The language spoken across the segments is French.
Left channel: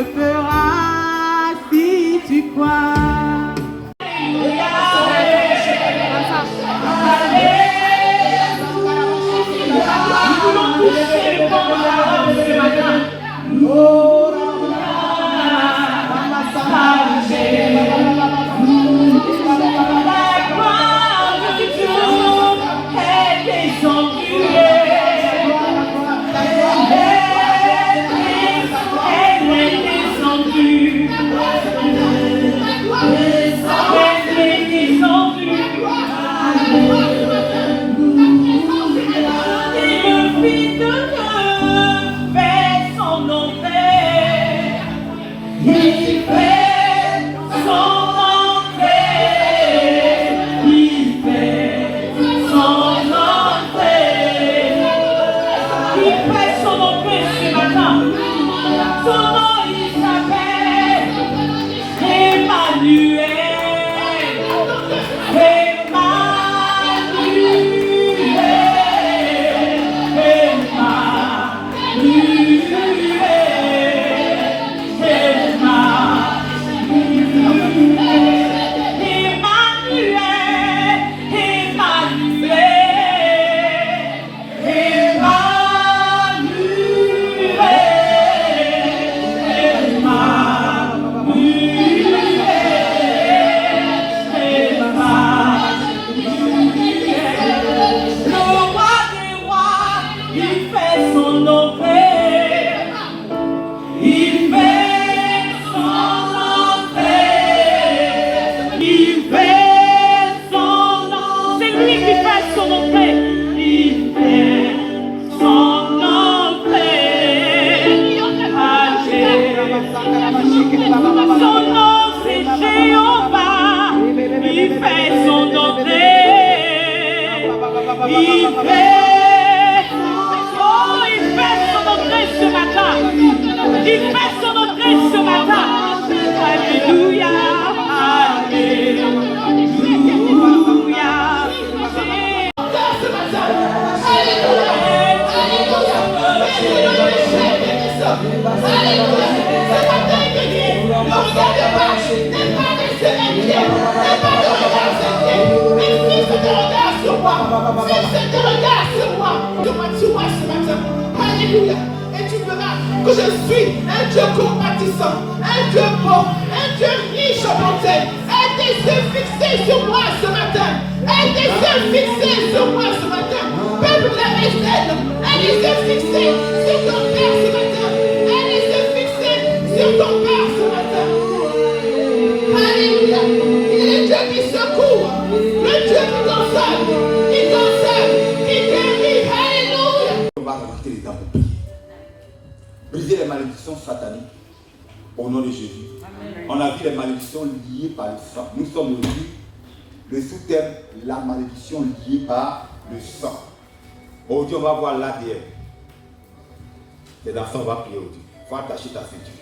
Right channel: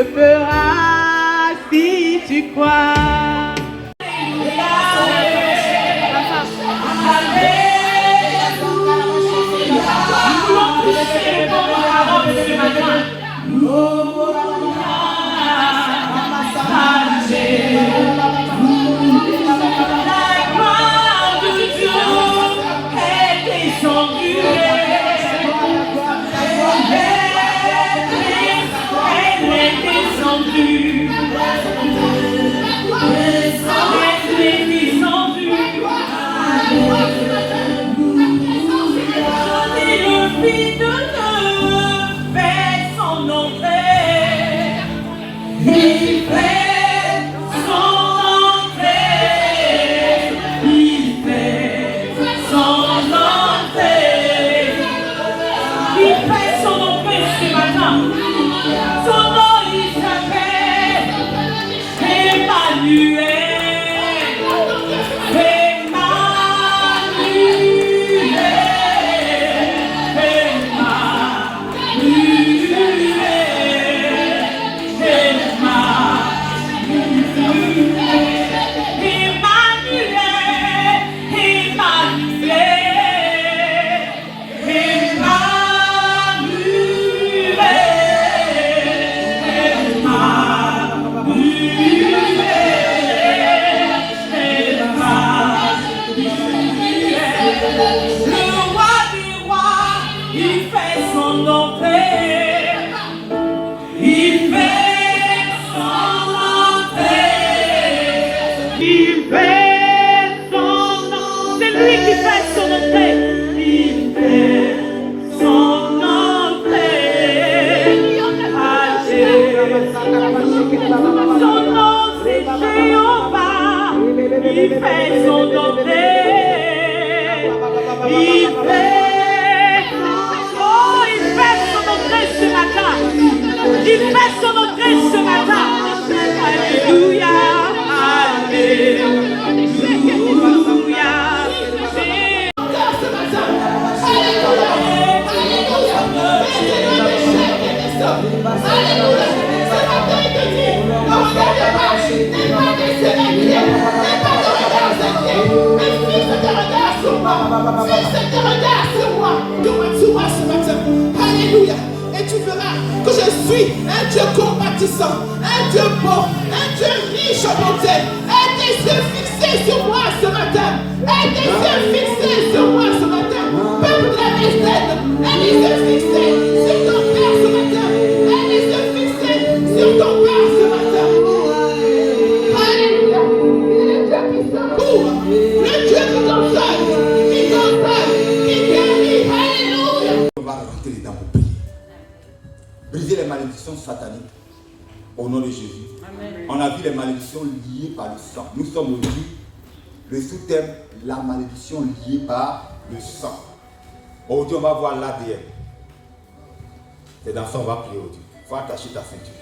le feras si tu crois. Alléluia. Et tu verras que je suis un Dieu compatissant, un Dieu bon, un Dieu riche en bonté. Aie tes yeux fixés sur moi ce matin. Aie tes yeux fixés sur moi ce matin. Peuple de la Maison, aie les yeux fixés sur ton Père ce matin. Aie les yeux fixés sur ton Père ce matin. Alléluia. Il est le Dieu qui secourt, le Dieu qui console, qui guérit. Alléluia. On va rajouter les dents pour prier. Briser les malédictions sataniques au nom de Jésus. Amen. On a vu les malédictions liées par le sang. Nous sommes aujourd'hui le sous-thème, la malédiction liée par le sang. Aujourd'hui, on va voir l'ADN. C'est dans ça qu'on va prier aujourd'hui. Il faut attacher ta ceinture.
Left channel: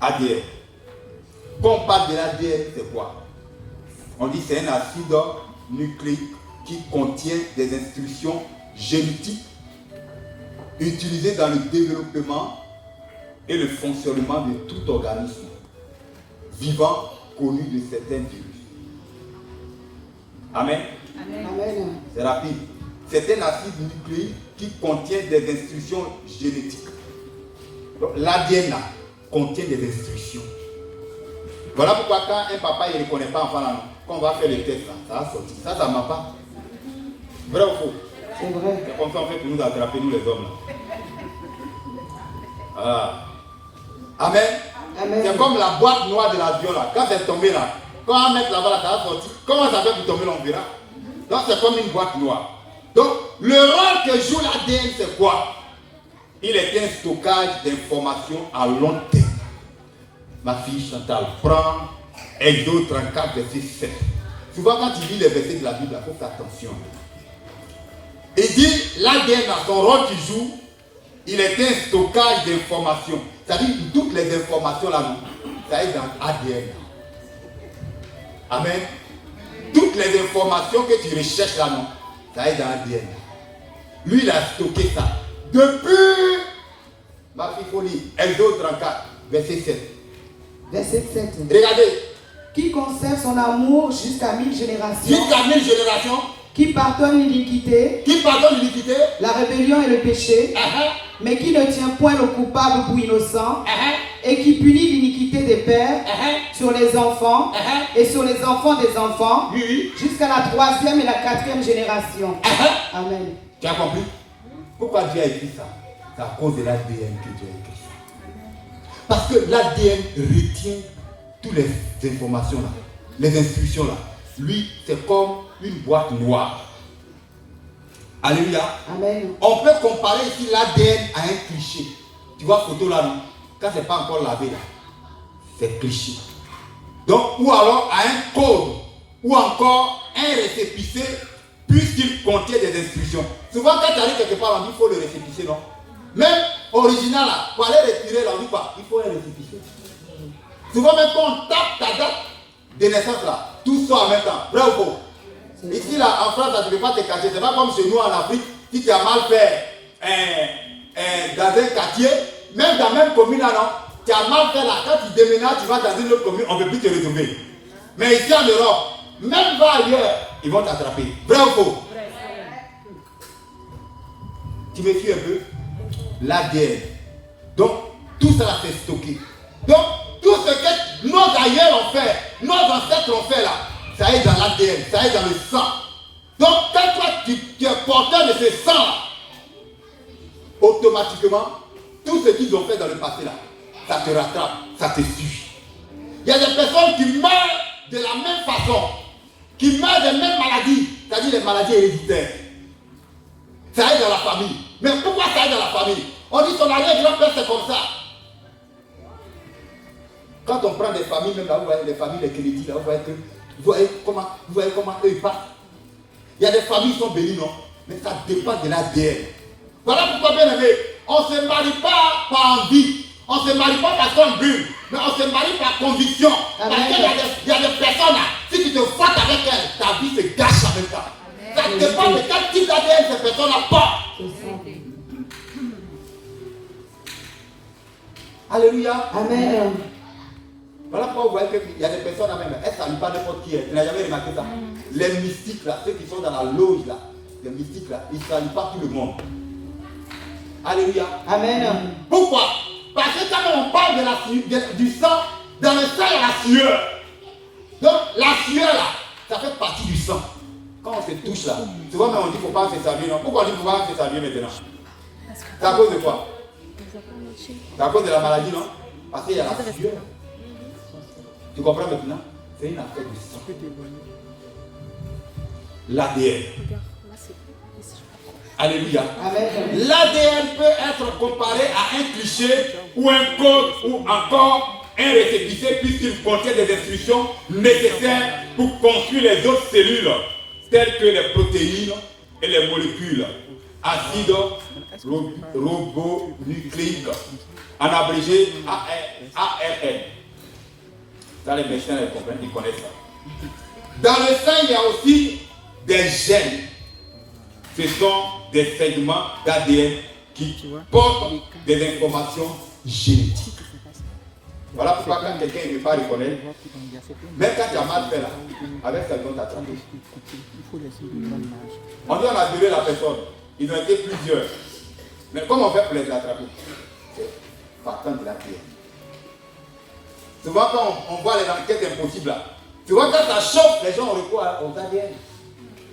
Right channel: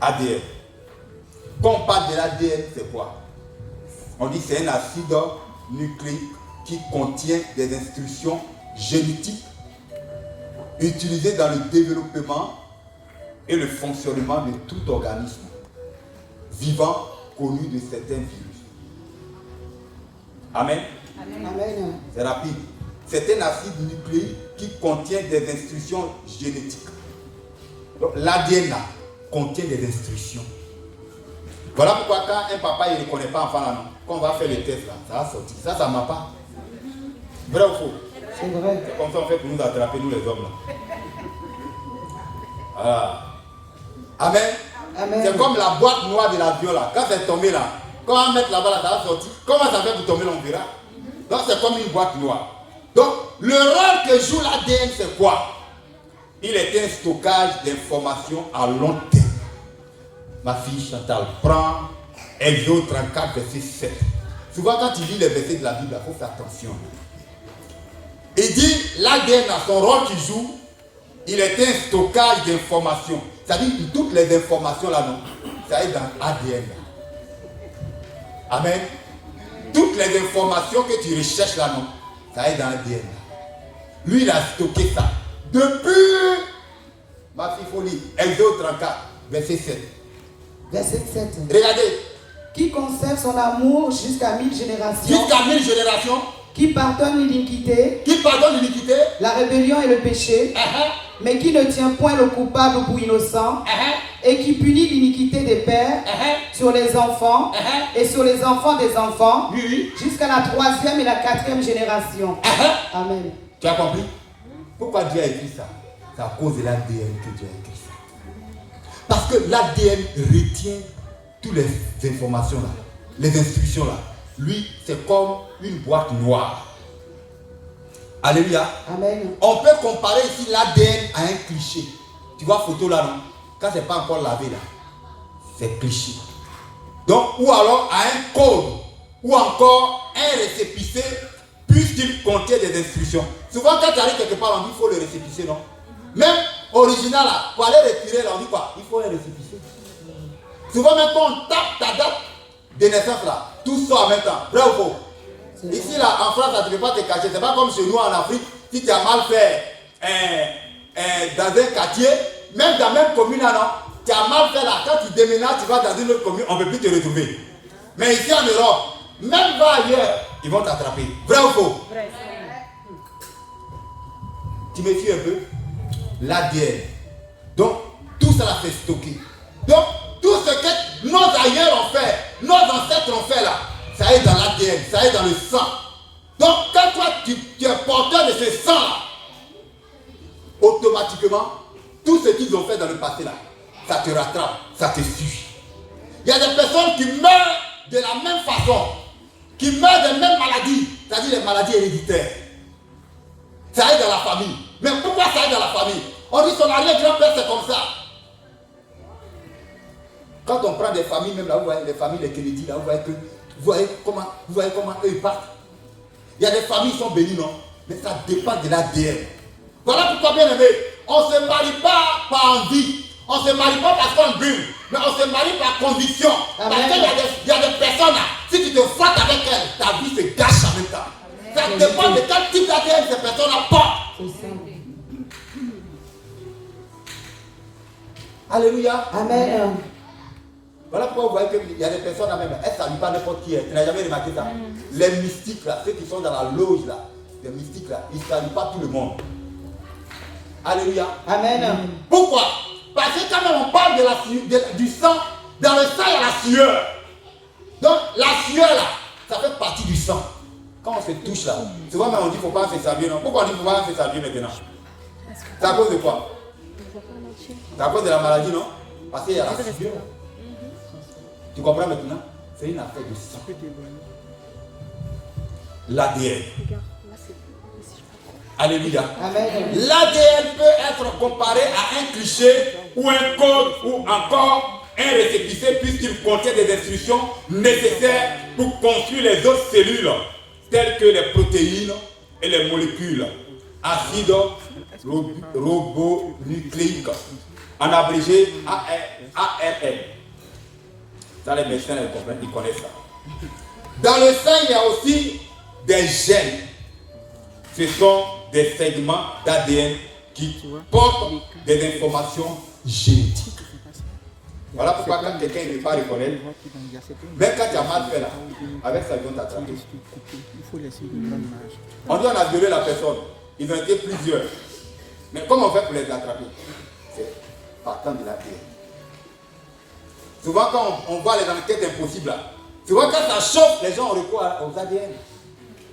ADN. Quand on parle de l'ADN, c'est quoi? On dit que c'est un acide nucléique qui contient des instructions génétiques utilisées dans le développement et le fonctionnement de tout organisme vivant connu de certains virus. Amen. Amen. C'est rapide. C'est un acide nucléique qui contient des instructions génétiques. L'ADN contient des instructions. Voilà pourquoi quand un papa ne reconnaît pas enfant là, quand on va faire le test là, ça va sortir. Ça ne ment pas. Vrai ou faux? C'est vrai. C'est comme ça on fait pour nous attraper, nous les hommes là. Ah. Amen. Amen. C'est comme la boîte noire de l'avion là. Quand c'est tombé là, quand on va mettre là-bas là, ça va sortir. Comment ça fait pour tomber là, on verra. Donc c'est comme une boîte noire. Donc le rôle que joue l'ADN c'est quoi? Il est un stockage d'informations à long terme. Ma fille Chantal, prend Exode 34 verset 7. Souvent quand tu lis les versets de la Bible, il faut faire attention. Il dit l'ADN a son rôle qu'il joue. Il est un stockage d'informations. C'est-à-dire que toutes les informations là, ça est dans l'ADN. Amen. Toutes les informations que tu recherches là, ça est dans l'ADN. Lui, il a stocké ça. Depuis, ma fille folie, Exode 34. verset 7. Verset 7. Regardez. Qui conserve son amour jusqu'à 1000 générations. Jusqu'à 1000 générations. Qui pardonne l'iniquité. Qui pardonne l'iniquité. La rébellion et le péché. Mais qui ne tient point le coupable pour innocent. Et qui punit l'iniquité des pères sur les enfants et sur les enfants des enfants jusqu'à la 3e et la 4e génération. Amen. Tu as compris? Pourquoi Dieu a écrit ça? C'est à cause de l'ADN que Dieu a écrit ça. Parce que l'ADN retient toutes les informations là, les instructions là. Lui, c'est comme une boîte noire. Alléluia. Amen. On peut comparer ici l'ADN à un cliché. Tu vois photo là, non? Quand c'est pas encore lavé là, c'est cliché. Donc, ou alors à un code, ou encore un récépissé, puisqu'il contient des instructions. Souvent, quand tu arrives quelque part, on dit qu'il faut le récépissé, non? Même original là, pour aller retirer là, on dit quoi? Il faut un récépissé. Souvent, même quand on tape ta date de naissance là, tout sort en même temps. Vrai ou faux? Ici là, en France, tu ne peux pas te cacher. C'est pas comme chez nous en Afrique, si tu as mal fait dans un quartier, même dans la même commune là, non, tu as mal fait là, quand tu déménages, tu vas dans une autre commune, on ne peut plus te retrouver. Mais ici en Europe, même va ailleurs, ils vont t'attraper. Vrai ou faux? Vrai. Tu me suis un peu? L'ADN. Donc, tout ça là, c'est stocké. Donc, tout ce que nos aïeux ont fait, nos ancêtres ont fait là, ça est dans l'ADN, ça est dans le sang. Donc, quand toi, tu es porteur de ce sang là, automatiquement, tout ce qu'ils ont fait dans le passé là, ça te rattrape, ça te suit. Il y a des personnes qui meurent de la même façon, qui meurent des mêmes maladies, c'est-à-dire les maladies héréditaires. Ça est dans la famille. Mais pourquoi ça est dans la famille? On dit son arrière-grand-père c'est comme ça. Quand on prend des familles, même là, vous voyez les familles, les crédits, là, vous voyez comment eux ils partent. Il y a des familles qui sont bénies, non? Mais ça dépend de l'ADN. Voilà pourquoi, bien aimé, on ne se marie pas par envie. On ne se marie pas parce qu'on brûle. Mais on se marie par conviction. Parce qu'il y a des personnes là, si tu te frottes avec elles, ta vie se gâche en même temps. Ça dépend de quel type d'ADN ces personnes-là portent. Alléluia. Amen. Voilà pourquoi vous voyez qu'il y a des personnes là même, elles ne saluent pas n'importe qui est. Tu n'as jamais remarqué ça? Les mystiques là, ceux qui sont dans la loge là, les mystiques là, ils ne saluent pas tout le monde. Alléluia. Amen. Pourquoi? Parce que quand même on parle du sang, dans le sang il y a la sueur. Donc la sueur là, ça fait partie du sang. Quand on se touche là, souvent même on dit qu'il ne faut pas se saluer, non? Pourquoi on dit qu'il ne faut pas se saluer maintenant? C'est à cause de quoi? C'est à cause de la maladie, non? Parce qu'il y a la sueur. Tu comprends maintenant? C'est une affaire de sang. L'ADN. Alléluia. L'ADN peut être comparé à un cliché ou un code ou encore un récépissé puisqu'il contient des instructions nécessaires pour construire les autres cellules telles que les protéines et les molécules acides ribonucléiques, en abrégé ARN. Ça, les médecins ils connaissent ça. Dans le sang, il y a aussi des gènes. Ce sont des segments d'ADN qui portent des informations génétiques. Voilà pourquoi quand quelqu'un ne veut pas reconnaître, même quand tu as mal fait là, avec ça, ils vont t'attraper. On dit on a violé la personne. Ils ont été plusieurs. Mais comment on fait pour les attraper? C'est partant de l'ADN. Souvent quand on voit les enquêtes impossibles là, souvent quand ça chauffe, les gens ont recours aux ADN.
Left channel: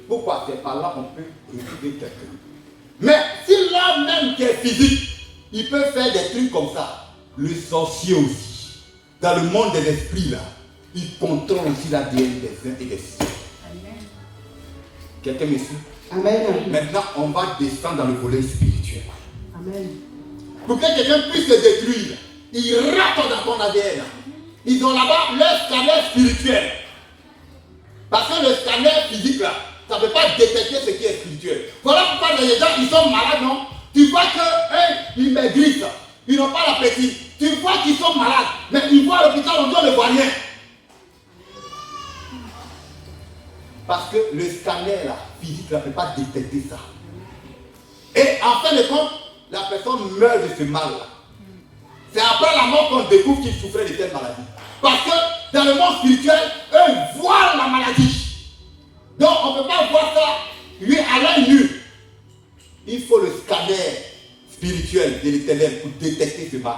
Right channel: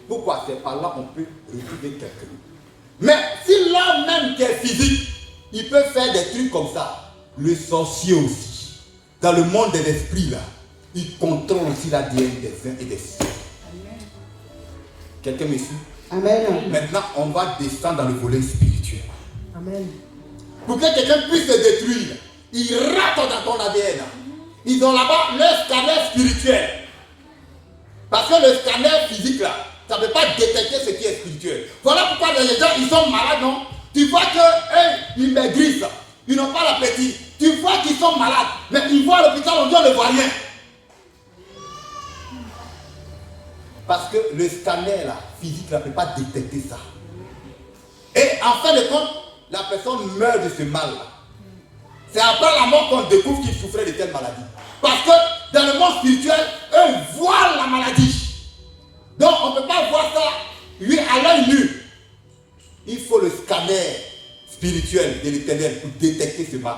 Pourquoi? C'est par là qu'on peut retrouver quelqu'un. Mais si l'homme même qui est physique, il peut faire des trucs comme ça. Le sorcier aussi, dans le monde des esprits là, il contrôle aussi l'ADN des uns et des autres. Quelqu'un me suit? Amen. Maintenant, on va descendre dans le volet spirituel. Amen. Pour que quelqu'un puisse se détruire, il rate dans ton ADN. Ils ont là-bas le scanner spirituel. Parce que le scanner physique là, ça ne peut pas détecter ce qui est spirituel. Voilà pourquoi les gens, ils sont malades, non? Tu vois qu'ils maigrissent, ils n'ont pas l'appétit. Tu vois qu'ils sont malades, mais ils vont à l'hôpital, on ne voit rien. Parce que le scanner là, physique là, ne peut pas détecter ça. Et en fin de compte, la personne meurt de ce mal là. C'est après la mort qu'on découvre qu'il souffrait de telle maladie. Parce que dans le monde spirituel, eux voient la maladie. Donc on ne peut pas voir ça, lui, à l'œil nu. Il faut le scanner spirituel de l'Éternel pour détecter ce mal.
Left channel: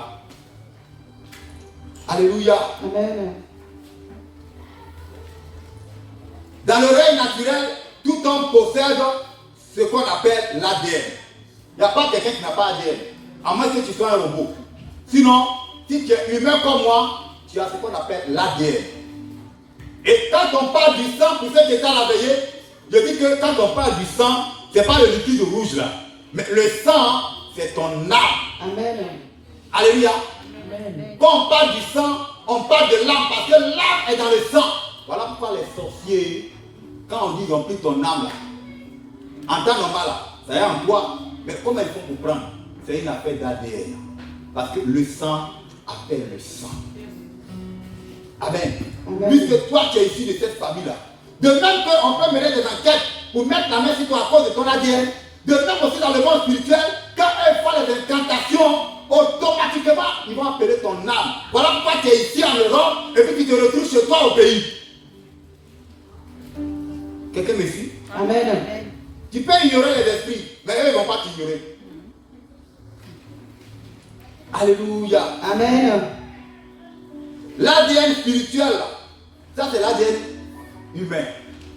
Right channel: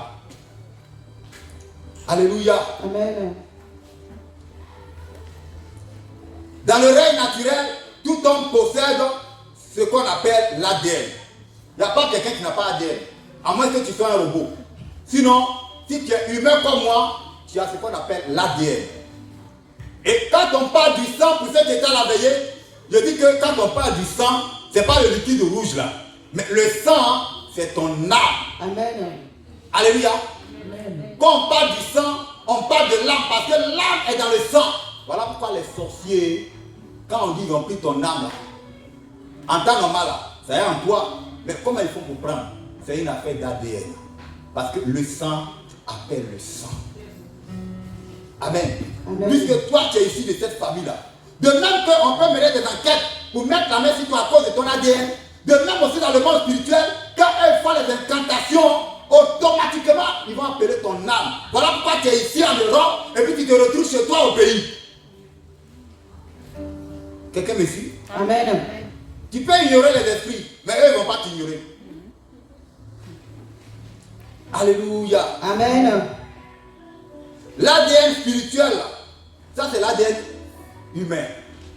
Alléluia. Amen. Dans le règne naturel, tout homme possède ce qu'on appelle l'ADN. Il n'y a pas quelqu'un qui n'a pas d'ADN, à moins que tu sois un robot. Sinon, si tu es humain comme moi, tu as ce qu'on appelle l'ADN. Et quand on parle du sang, pour ceux qui étaient à la veillée, je dis que quand on parle du sang, ce n'est pas le liquide rouge là. Mais le sang, c'est ton âme. Amen. Alléluia. Amen. Quand on parle du sang, on parle de l'âme parce que l'âme est dans le sang. Voilà pourquoi les sorciers, quand on dit ils ont pris ton âme là, en temps normal là, ça y est en toi. Mais comment il faut comprendre? C'est une affaire d'ADN. Parce que le sang appelle le sang. Amen. Amen. Puisque toi tu es issu de cette famille-là. De même qu'on peut mener des enquêtes pour mettre la main sur toi à cause de ton ADN. De même aussi dans le monde spirituel, quand elles font les incantations, automatiquement ils vont appeler ton âme. Voilà pourquoi tu es ici en Europe et puis tu te retrouves chez toi au pays. Quelqu'un me suit? Amen. Tu peux ignorer les esprits, mais eux ne vont pas t'ignorer. Alléluia. Amen. L'ADN spirituel, ça c'est l'ADN humain.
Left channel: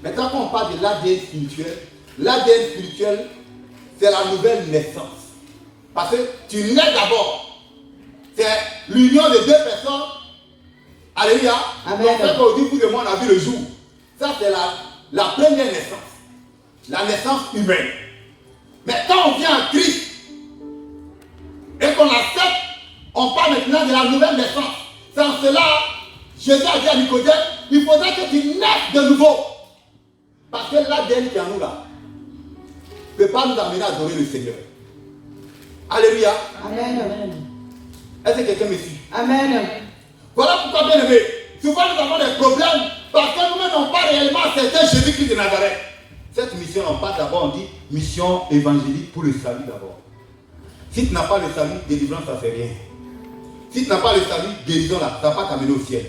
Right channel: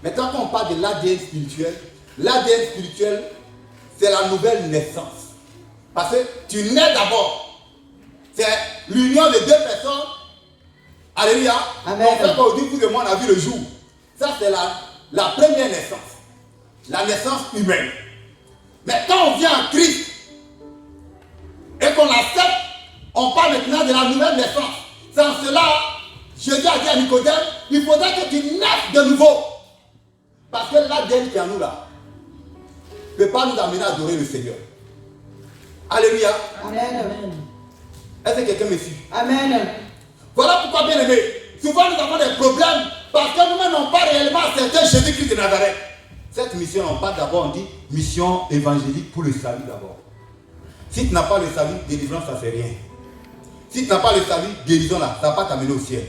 Maintenant quand on parle de l'ADN spirituel, c'est la nouvelle naissance. Parce que tu nais d'abord. C'est l'union de deux personnes. Alléluia. Amen. Donc ça qu'au début de moi on a vu le jour. Ça c'est la première naissance. La naissance humaine. Mais quand on vient en Christ et qu'on accepte, on parle maintenant de la nouvelle naissance. Sans cela, Jésus a dit à Nicodème, il faudrait que tu naisses de nouveau. Parce que l'ADN qui est en nous là ne peut pas nous amener à adorer le Seigneur. Alléluia. Amen. Est-ce que quelqu'un me suit? Amen. Voilà pourquoi, bien aimé, souvent nous avons des problèmes parce que nous n'avons pas réellement accepté Jésus-Christ de Nazareth. Cette mission, on parle d'abord, on dit mission évangélique pour le salut d'abord. Si tu n'as pas le salut, délivrance, ça ne fait rien. Si tu n'as pas le salut, guérison là, ça ne va pas t'amener au ciel.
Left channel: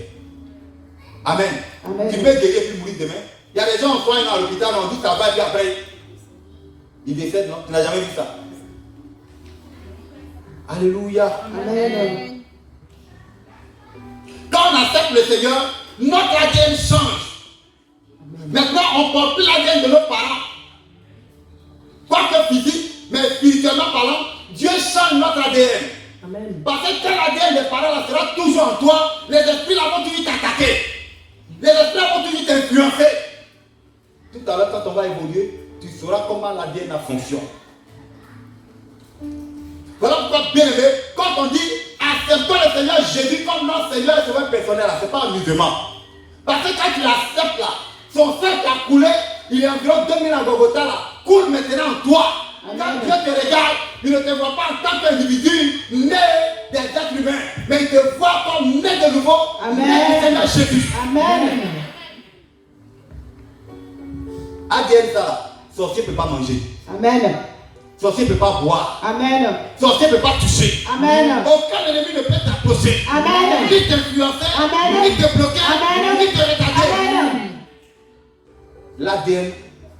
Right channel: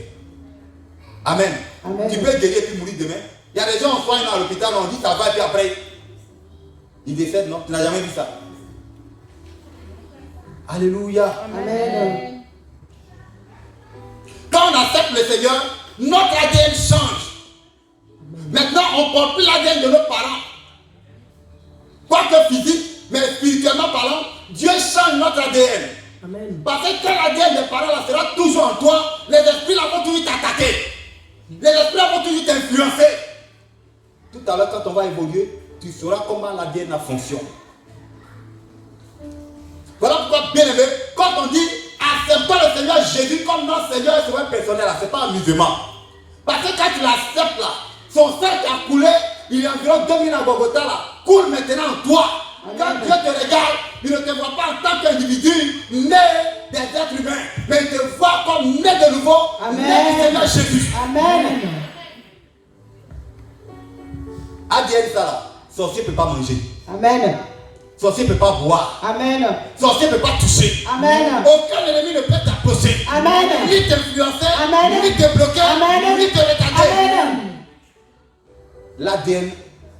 Amen. Amen. Tu peux guérir puis mourir demain. Il y a des gens, on soigne à l'hôpital, on dit ça va et puis après, ils décèdent, non? Tu n'as jamais vu ça. Alléluia. Amen. Quand on accepte le Seigneur, notre ADN change. Maintenant, on ne porte plus l'ADN de nos parents. Quoique physique, mais spirituellement parlant, Dieu change notre ADN. Amen. Parce que quand l'ADN des parents là sera toujours en toi, les esprits là vont toujours t'attaquer. Les esprits là vont toujours t'influencer. Tout à l'heure, quand on va évoluer, tu sauras comment l'ADN fonctionne. Voilà pourquoi, bien aimé, quand on dit acceptons le Seigneur Jésus comme notre Seigneur et Sauveur personnel, ce n'est pas amusement. Parce que quand tu l'acceptes là, son sang qui a coulé, il est environ 2000 à Bogota là, coule maintenant en toi. Quand Dieu te regarde, il ne te voit pas en tant qu'individu né des êtres humains, mais il te voit comme né de nouveau, né du Seigneur Jésus. Amen. ADN ça là, sorcier ne peut pas manger. Amen. Sorcier ne peut pas boire. Amen. Sorcier ne peut pas toucher. Amen. Aucun ennemi ne peut t'approcher. Amen. Ni t'influencer, Amen. ni te bloquer, Amen. ni te retarder. Amen. L'ADN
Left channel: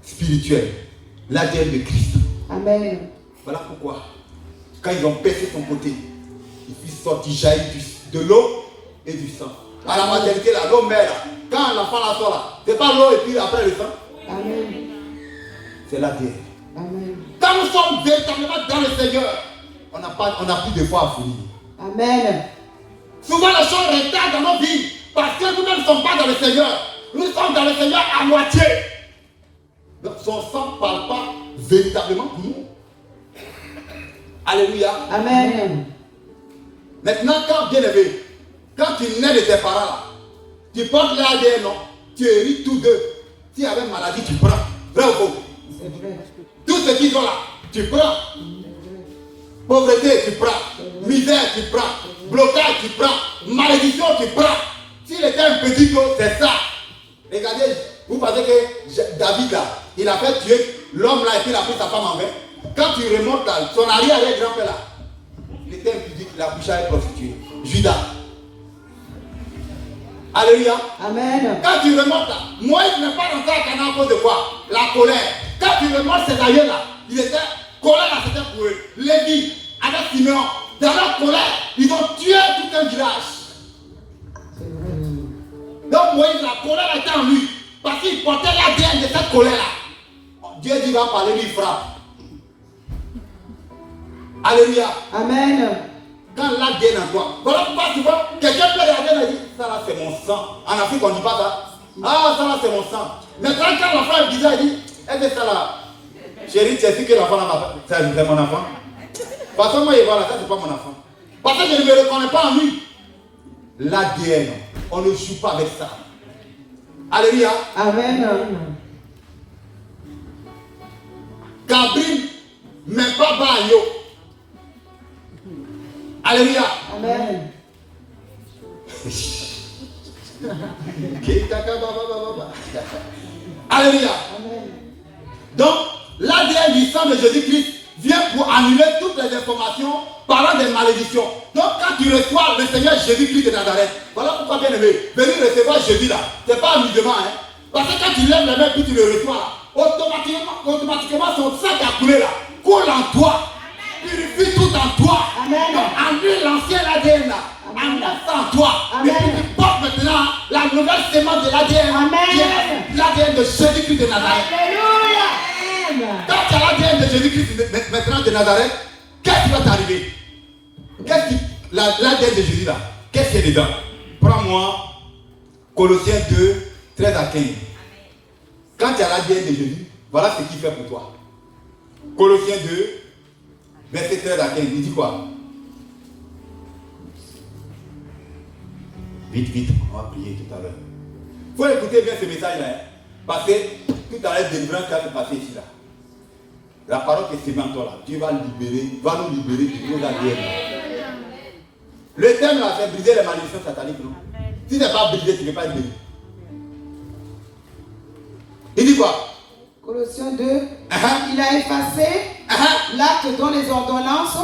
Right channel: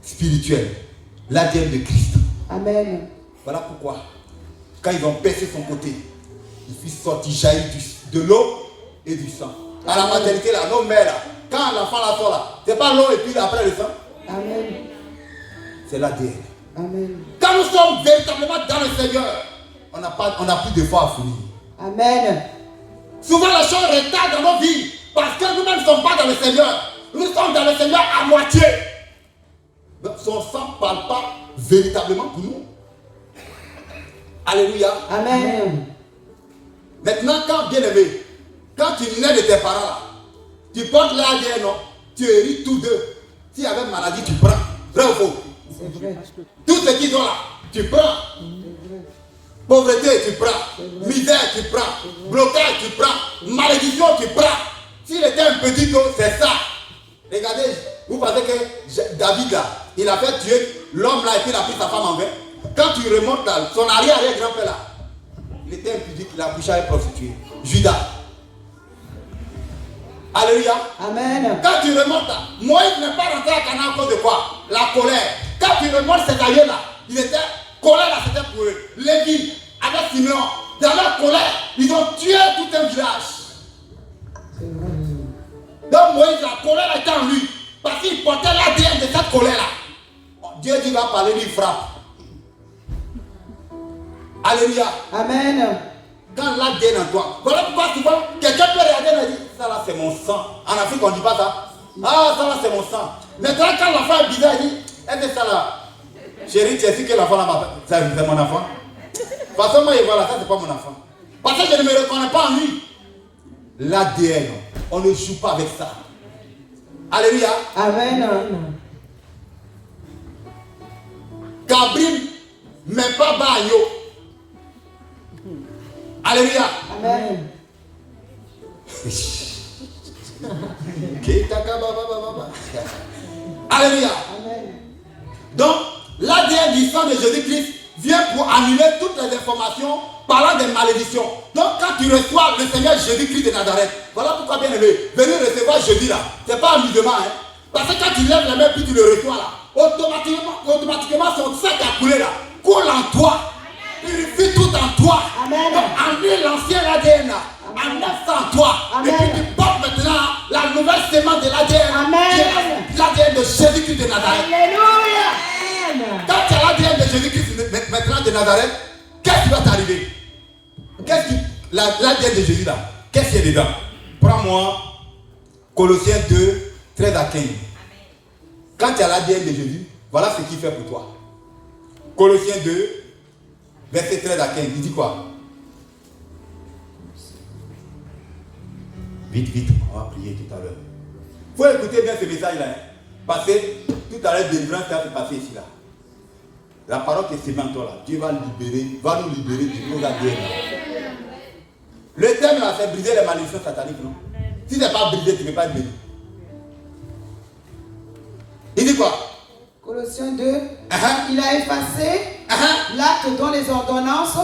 spirituel, l'ADN de Christ. Amen. Voilà pourquoi, quand ils ont percé son côté, il fit sortir jaillir de l'eau et du sang. À la maternité, là, l'eau mère, là, quand l'enfant la sort là, c'est pas l'eau et puis après le sang. Amen. C'est l'ADN. Amen. Quand nous sommes véritablement dans le Seigneur, on n'a plus de foi à finir. Amen. Souvent les choses retardent dans nos vies parce que nous-mêmes ne sommes pas dans le Seigneur. Nous sommes dans le Seigneur à moitié. Donc son sang ne parle pas véritablement pour nous. Alléluia. Amen. Maintenant, quand bien aimé, quand tu nais de tes parents, tu portes l'ADN, non? Tu hérites tous deux. S'il y avait une maladie, tu prends. Vrai ou faux? C'est vrai. Tout ce qui sont là, tu prends. Pauvreté, tu prends. Misère, tu prends. Blocage, tu prends. Malédiction, tu prends. S'il était un petit peu, c'est ça. Regardez, vous pensez que David là, il a fait tuer l'homme là et puis il a pris sa femme en vain. Quand tu remontes là, son arrière-grand-père là, il était impudique. la coucha est prostituée. Judas. Alléluia. Amen. Quand tu remontes là, Moïse n'est pas rentré à Canaan à cause de quoi? La colère. Quand tu remontes ces années là, il était colère, là, c'était pour eux. Lévi, avec Simeon, dans la colère, ils ont tué tout un village. Donc Moïse, la colère était en lui. Parce qu'il portait l'ADN de cette colère là. Dieu dit va parler, lui frappe. Alléluia. Amen. Quand l'ADN en toi, voilà pourquoi souvent quelqu'un peut regarder et dire ça là c'est mon sang. En Afrique on ne dit pas ça. Ah ça là c'est mon sang. Maintenant quand l'enfant est bizarre, il dit est-ce que ça là, chérie, tu as su que l'enfant là c'est mon enfant. Parce que moi il voit là, ça c'est pas mon enfant. Parce que je ne me reconnais pas en lui. L'ADN, on ne joue pas avec ça. Alléluia. Amen. Gabriel, mais pas Bayo. Alléluia. Amen. Alléluia. Amen. Donc, l'ADN du sang de Jésus-Christ vient pour annuler toutes les informations parlant des malédictions. Donc, quand tu reçois le Seigneur Jésus-Christ de Nazareth, voilà pourquoi, bien aimé, venir recevoir Jésus là, c'est pas amusement, hein. Parce que quand tu lèves les mains puis tu le reçois là, automatiquement son sang qui a coulé là, coule en toi. Purifie tout en toi. Amen. Donc, annule l'ancien ADN là. Enlève ça en toi. Amen. Et puis tu portes maintenant la nouvelle sémence de l'ADN. Amen. L'ADN de Jésus-Christ de Nazareth. Alléluia. Quand tu as l'ADN de Jésus-Christ maintenant de Nazareth, qu'est-ce qui va t'arriver? L'ADN de Jésus là, qu'est-ce qu'il y a dedans? Prends-moi Colossiens 2, 13 à 15. Quand tu as l'ADN de Jésus, voilà ce qu'il fait pour toi. Colossiens 2, verset 13 à 15, il dit quoi? Vite, on va prier tout à l'heure. Il faut écouter bien ce message-là. Hein? Parce que tout à l'heure, délivrance qui va se passer ici. Là. La parole qui est en toi, là, Dieu va nous libérer du monde ADN. Le thème là, c'est briser les malédictions sataniques, non? Si tu n'es pas brisé, tu ne peux pas être béni. Il dit quoi? Colossiens 2, il a effacé l'acte dont les ordonnances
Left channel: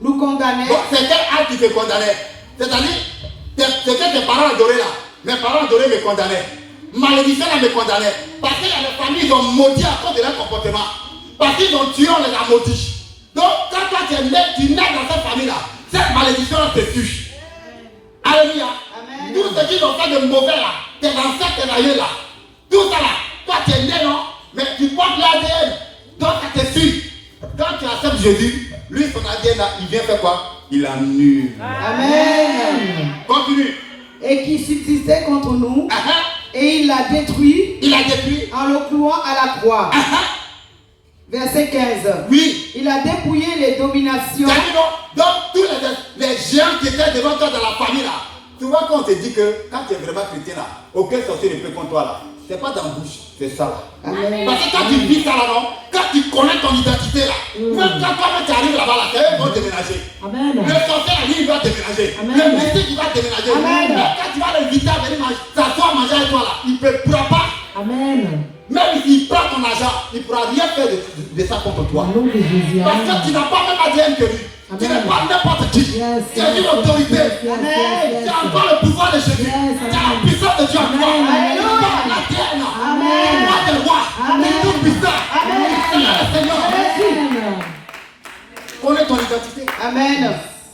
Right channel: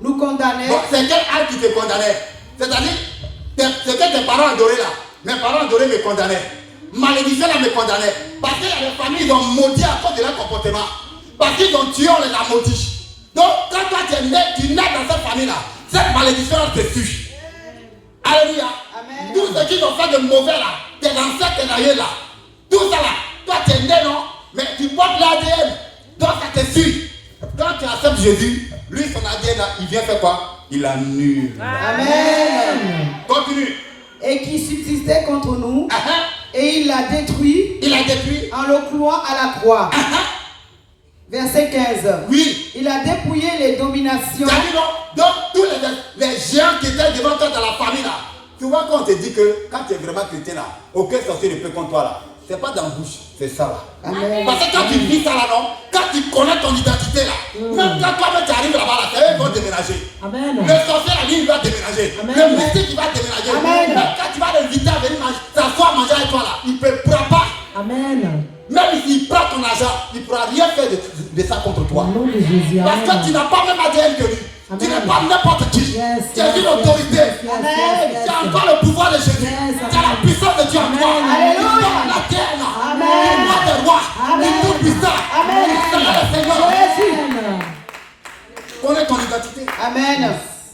nous condamnaient. Donc, c'est quel acte qui te condamnait? C'est-à-dire, c'est que tes parents adoraient là. Mes parents adoraient me condamnaient. Malédiction là me condamnait. Parce qu'il y a des familles qui ont maudit à cause de leur comportement. Parce qu'ils ont tué, on les a maudits. Donc, quand toi tu nais dans cette famille-là, cette malédiction te tue. Alléluia. Amen. Tout ce qu'ils ont fait de mauvais là, tes ancêtres, tes aïeux là, tout ça là, toi tu es né, non? Mais tu portes l'ADN. Donc ça te suit. Quand tu acceptes Jésus, lui son ADN là, il vient faire quoi? Il annule. Amen. Continue. Et qui subsistait contre nous, et il l'a détruit. Il a détruit. En le clouant à la croix. Verset 15. Oui. Il a dépouillé les dominations. Donc tous les géants qui étaient devant toi dans la famille là, tu vois quand on te dit que quand tu es vraiment chrétien là, aucun sorcier ne peut contre toi là. C'est pas dans la bouche, c'est ça là. Amen. Parce que quand tu vis ça là, non, quand tu connais ton identité là, même quand tu arrives là-bas là, eux vont déménager. Amen. Le sorcier là, lui, il va déménager. Amen. Le mystique, il va déménager. Amen. Même quand tu vas l'inviter à venir manger, s'asseoir manger avec toi là, il ne pourra pas. Amen. Même s'il prend ton argent, il ne pourra rien faire de ça contre toi. Au nom de Jésus. Parce que tu n'as pas même ADN que lui. Tu n'es pas n'importe qui. Yes, Tu as une autorité. yes, Tu as encore le pouvoir de Jésus. Yes, Tu as la puissance de Dieu en toi. Alléluia. La terre là. Amen. Le roi des rois. Amen. Le tout puissant. Amen. Le Seigneur. Jésus. Connais ton identité. Amen.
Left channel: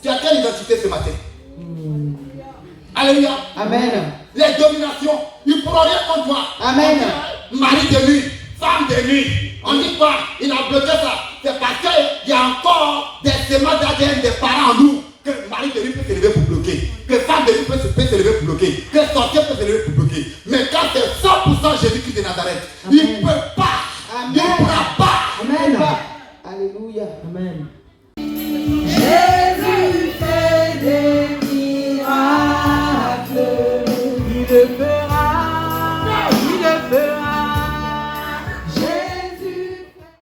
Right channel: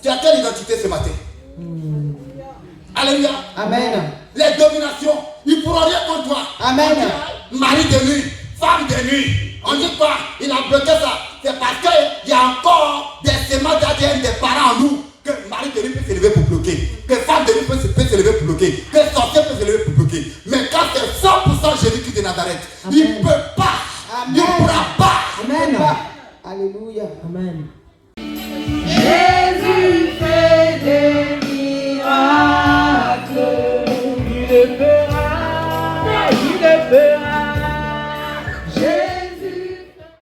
Tu as quelle identité ce matin? Alléluia. Amen. Les dominations, ils ne pourront rien contre toi. Amen. Mari de nuit, femme de nuit. On dit quoi? Il a bloqué ça. C'est parce qu'il y a encore des séments d'ADN des parents en nous. Que mari de nuit peut se lever pour bloquer. Que femme de nuit peut se lever pour bloquer. Que sorcier peut se lever pour bloquer. Mais quand c'est 100% Jésus-Christ de Nazareth, il ne peut pas. Amen. Il ne pourra pas. Amen. Alléluia. Amen.